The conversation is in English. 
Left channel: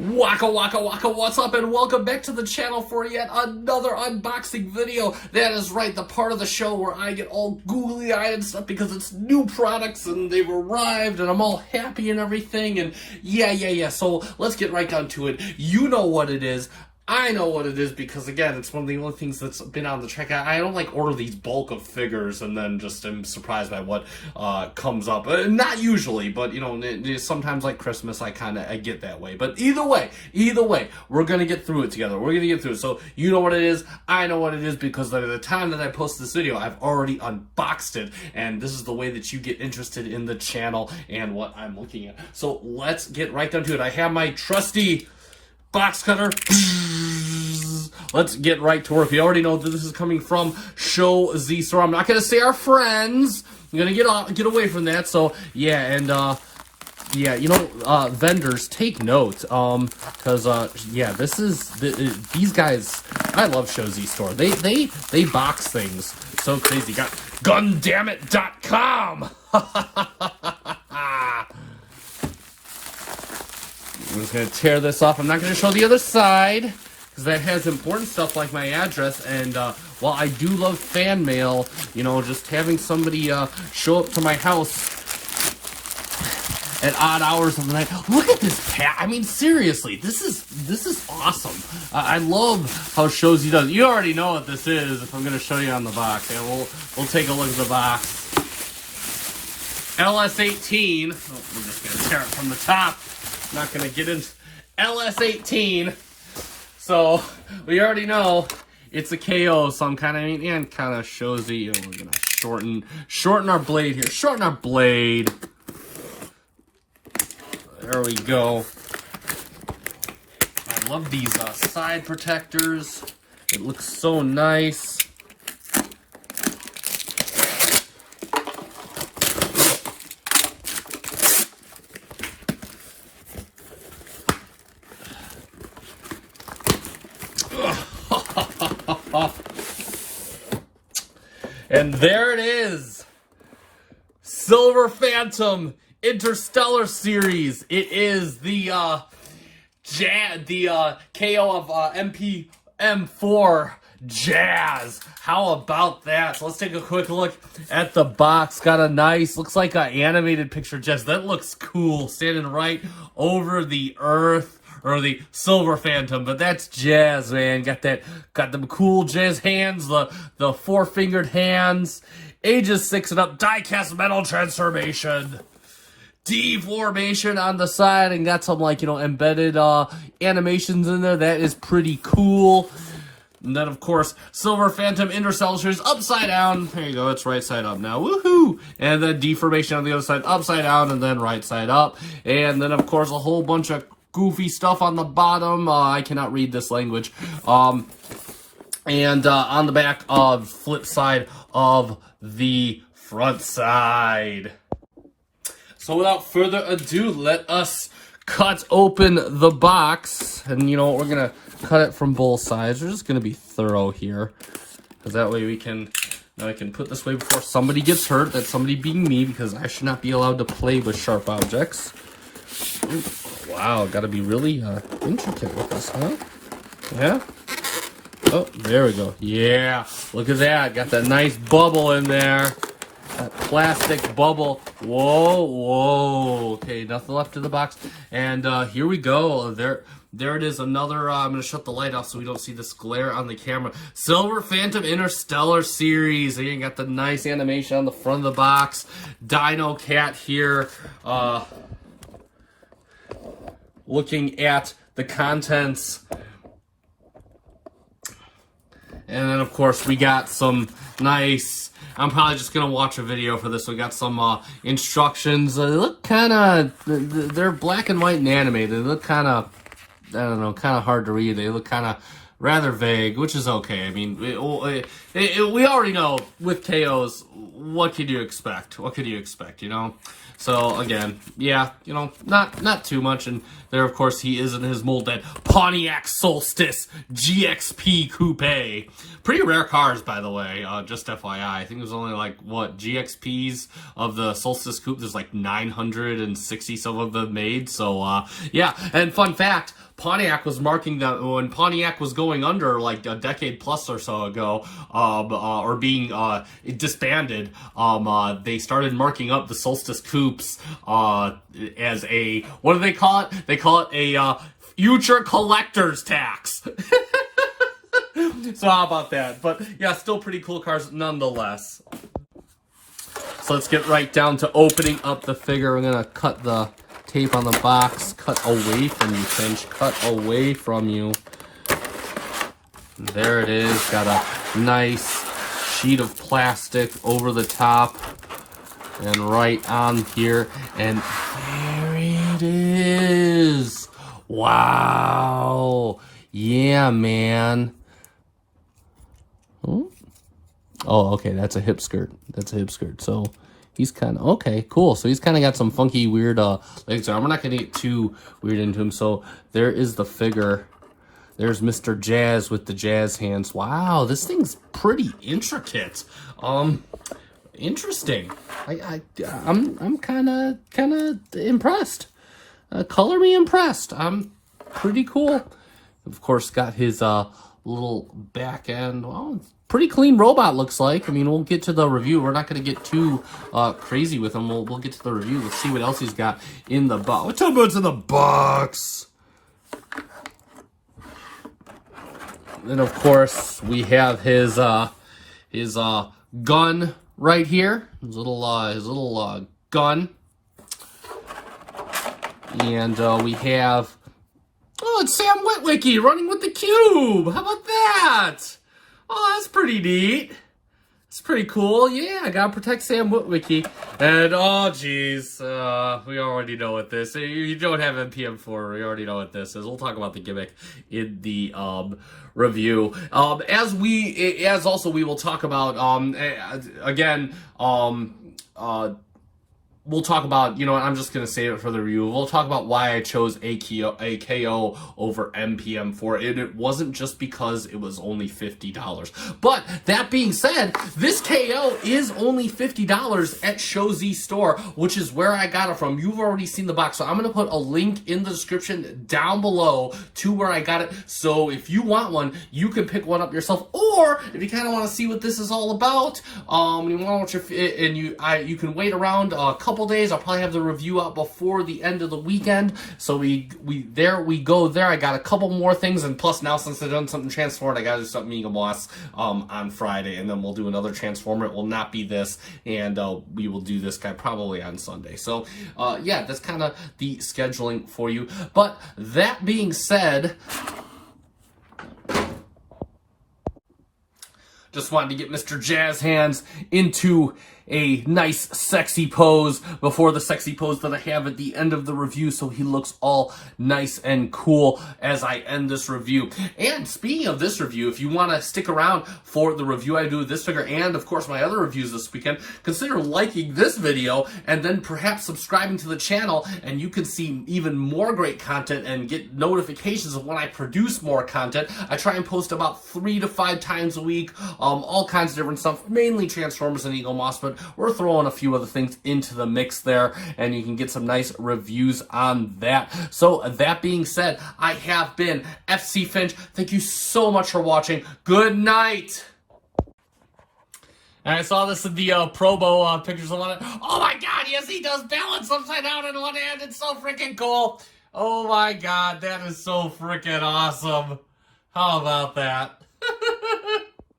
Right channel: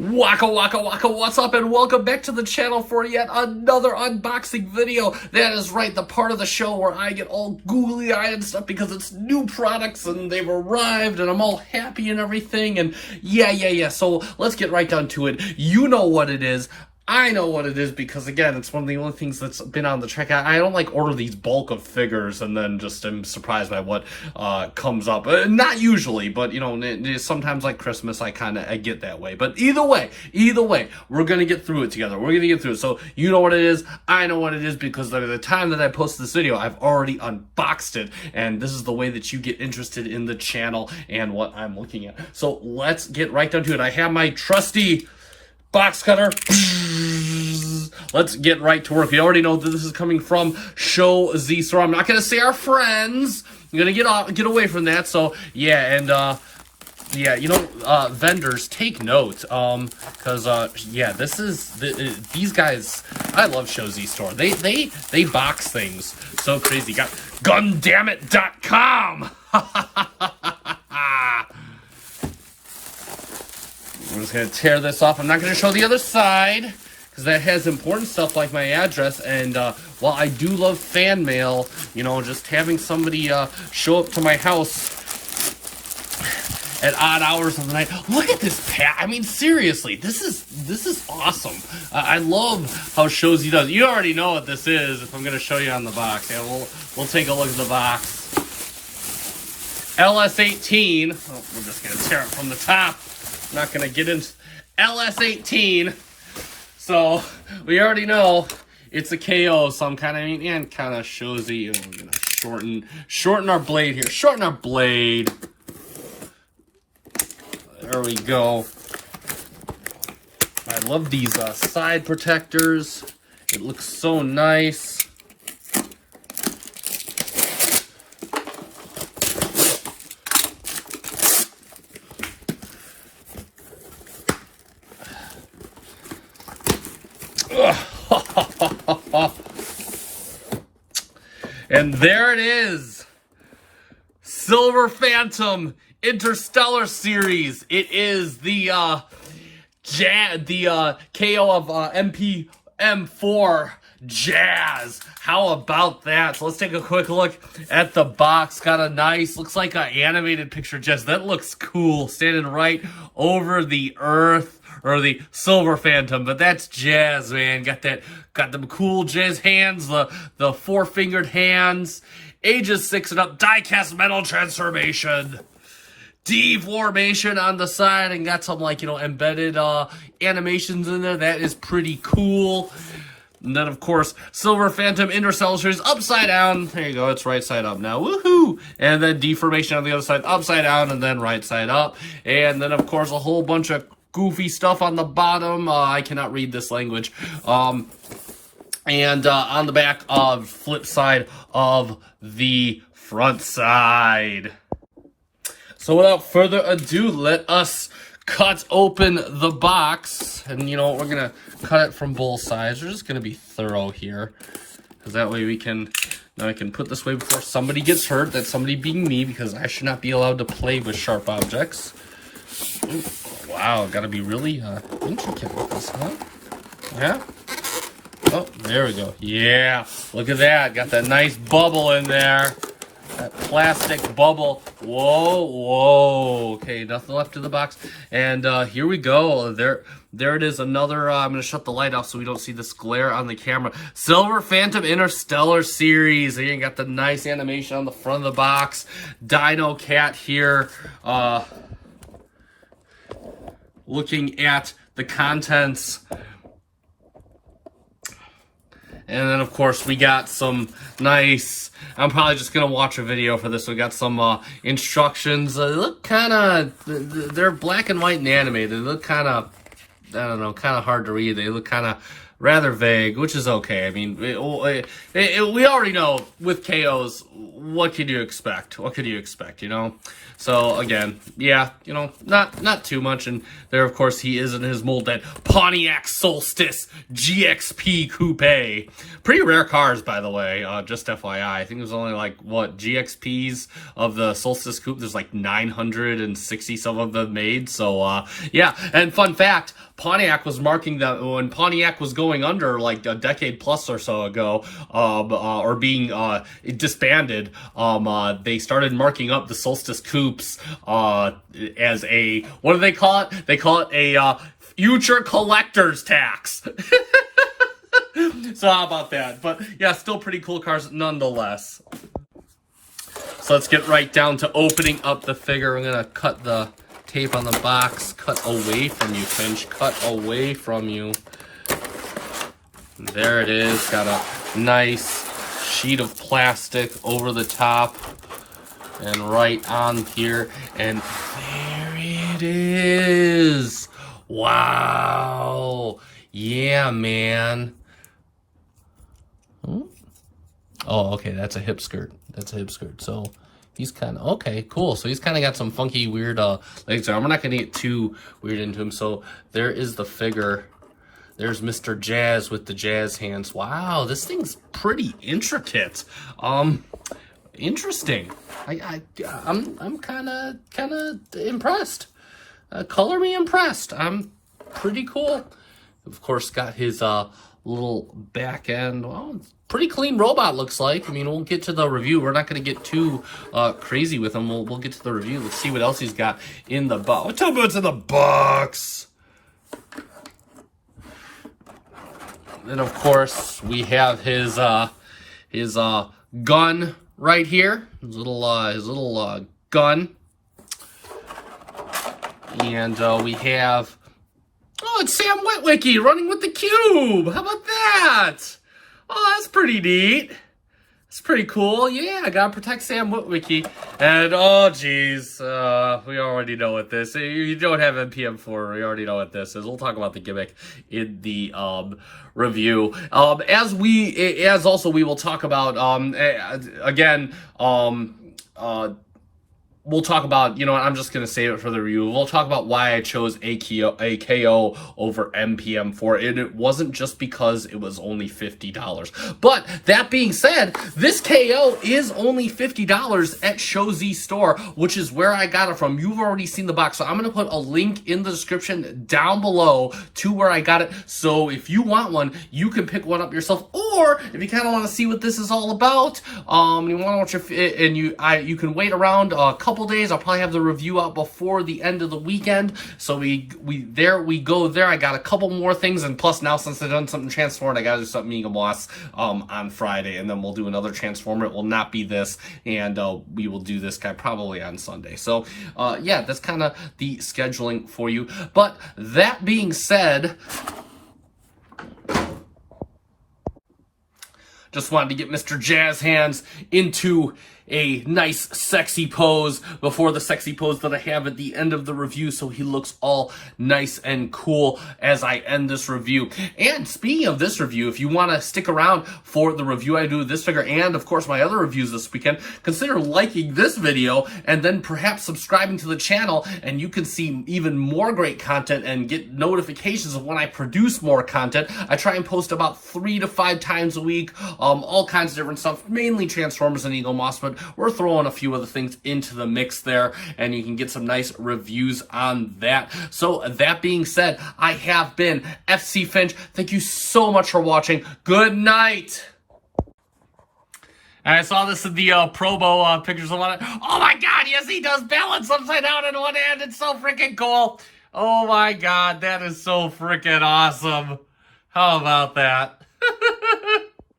Waka waka waka, what's up, and welcome back to the channel for yet another unboxing video. That is right, the part of the show where I get all googly-eyed and stuff because it's new products and they've arrived and I'm all happy and everything, and yeah, so let's get right down to it. You know what it is. I know what it is because, again, it's one of the only things that's been on the track. I don't like order these bulk of figures and then just am surprised by what comes up. Not usually, but, you know, sometimes like Christmas, I get that way. But either way, we're going to get through it together. We're going to get through it. So you know what it is. I know what it is because by the time that I post this video, I've already unboxed it. And this is the way that you get interested in the channel and what I'm looking at. So let's get right down to it. I have my trusty box cutter. Let's get right to work. You already know that this is coming from Show Z Store. I'm not gonna say our friends. I'm gonna get away from that. So yeah, and yeah, you know, vendors, take note, because yeah, these guys. I love Show Z Store. They box things so crazy. Got Gundamit.com. I'm just going to tear this off. I'm not going to show the other side because that has important stuff like my address. And while I do love fan mail, you know, just having somebody show up to my house at odd hours of the night. Look at this pack. I mean, seriously, this is awesome. I love how Show Z does. You already know what this is. If I'm going to show you on the box, yeah, we'll take a look at the box. LS-18. Oh, we're just going to tear it from the top. Not gonna get into LS-18, so we already know it's a KO. So I'm kind of shows you. We're gonna shorten our blade here. Shorten our blade. There we go. I love these side protectors. It looks so nice. And there it is, Silver Phantom Interstellar Series. It is the KO of MPM-9 Jazz. How about that? So let's take a quick look at the box. Got a nice, looks like an animated picture Jazz. That looks cool, standing right over the Earth. Or the Silver Phantom, but that's Jazz, man. Got them cool Jazz hands, the four-fingered hands, ages 6 and up, die-cast metal transformation, deformation on the side, and got some, like, you know, embedded animations in there. That is pretty cool. And then, of course, Silver Phantom Interstellar Series upside down. There you go. It's right side up now. Woohoo! And then deformation on the other side, upside down, and then right side up. And then, of course, a whole bunch of goofy stuff on the bottom. I cannot read this language. And on the back of flip side of the front side. So without further ado, let us cut open the box. And you know what? We're going to cut it from both sides. We're just going to be thorough here. Because that way we can... Now I can put this way before somebody gets hurt. That's somebody being me, because I should not be allowed to play with sharp objects. Ooh, wow, gotta be really intricate with this, huh? Yeah? Oh, there we go. Yeah, look at that. Got that nice bubble in there. That plastic bubble. Whoa. Okay, nothing left in the box. And here we go. There it is. Another, I'm going to shut the light off so we don't see this glare on the camera. Silver Phantom Interstellar Series. There you got the nice animation on the front of the box. Dino Cat here. Looking at the contents. And then, of course, we got some nice... I'm probably just going to watch a video for this. We got some instructions. They look kind of... They're black and white and animated. They look kind of... I don't know, kind of hard to read. They look kind of rather vague, which is okay. I mean, we already know with KOs, what could you expect? What could you expect, you know? So again, yeah, you know, not too much. And there, of course, he is in his molded Pontiac Solstice GXP Coupe. Pretty rare cars, by the way, just FYI. I think there's only like, what, GXPs of the Solstice Coupe? There's like 960 some of them made. So, yeah, and fun fact, Pontiac was marking that when Pontiac was going under like a decade plus or so ago, or being disbanded, they started marking up the Solstice Coupes as a, what do they call it? They call it a future collector's tax. So how about that? But yeah, still pretty cool cars nonetheless. So let's get right down to opening up the figure. I'm gonna cut the tape on the box. Cut away from you, Finch. Cut away from you. There it is. Got a nice sheet of plastic over the top and right on here. And there it is. Wow. Yeah, man. Oh, okay. That's a hip skirt. That's a hip skirt. So he's kind of, okay, cool. So he's kind of got some funky, weird legs there. I'm not going to get too weird into him. So there is the figure. There's Mr. Jazz with the jazz hands. Wow, this thing's pretty intricate. Interesting. I'm kind of impressed. Color me impressed. I'm pretty cool. Of course, got his little back end. Well, pretty clean robot, looks like. I mean, we'll get to the review. We're not going to get too crazy with him. We'll get to the review. Let's see what else he's got in the box. Tell me what's in the box. Then, of course, we have his gun right here. His little gun. And we have, oh, it's Sam Witwicky running with the cube. How about that? Oh, that's pretty neat. It's pretty cool. Yeah, I gotta protect Sam Witwicky. And, oh, geez, we already know what this is. You don't have MPM-4. We already know what this is. We'll talk about the gimmick in the review. As also we will talk about, again, we'll talk about, you know what, I'm just going to save it for the review. We'll talk about why I chose KO over MPM-4. And it wasn't just because it was only $50. But that being said, this KO is only $50 at Show Z Store, which is where I got it from. You've already seen the box. So I'm going to put a link in the description down below to where I got it. So if you want one, you can pick one up yourself. Or if you kind of want to see what this is all about, you want to watch it, and you can wait around a couple days. I'll probably have the review out before the end of the weekend. So we go there. I got a couple more things, and plus now since I've done something Transformed, I gotta do something Mega Boss on Friday, and then we'll do another Transformer. It will not be this, and we will do this guy probably on Sunday. So yeah, that's kind of the scheduling for you. But that being said, just wanted to get Mr. Jazz Hands into a nice sexy pose before the sexy pose that I have at the end of the review, so he looks all nice and cool as I end this review. And speaking of this review, if you want to stick around for the review I do of this figure and of course my other reviews this weekend, consider liking this video and then perhaps subscribing to the channel, and you can see even more great content and get notifications of when I produce more content. I try and post about 3 to 5 times a week, all kinds of different stuff, mainly Transformers and Eagle Moss, but we're throwing a few other things into the mix there, and you can get some nice reviews on that. So that being said, I have been FC Finch. Thank you so much for watching. Good night. And I saw this in the promo pictures on it. Oh my god, yes, he does balance upside down in one hand. It's so freaking cool. Oh my god, that is so freaking awesome. How about that?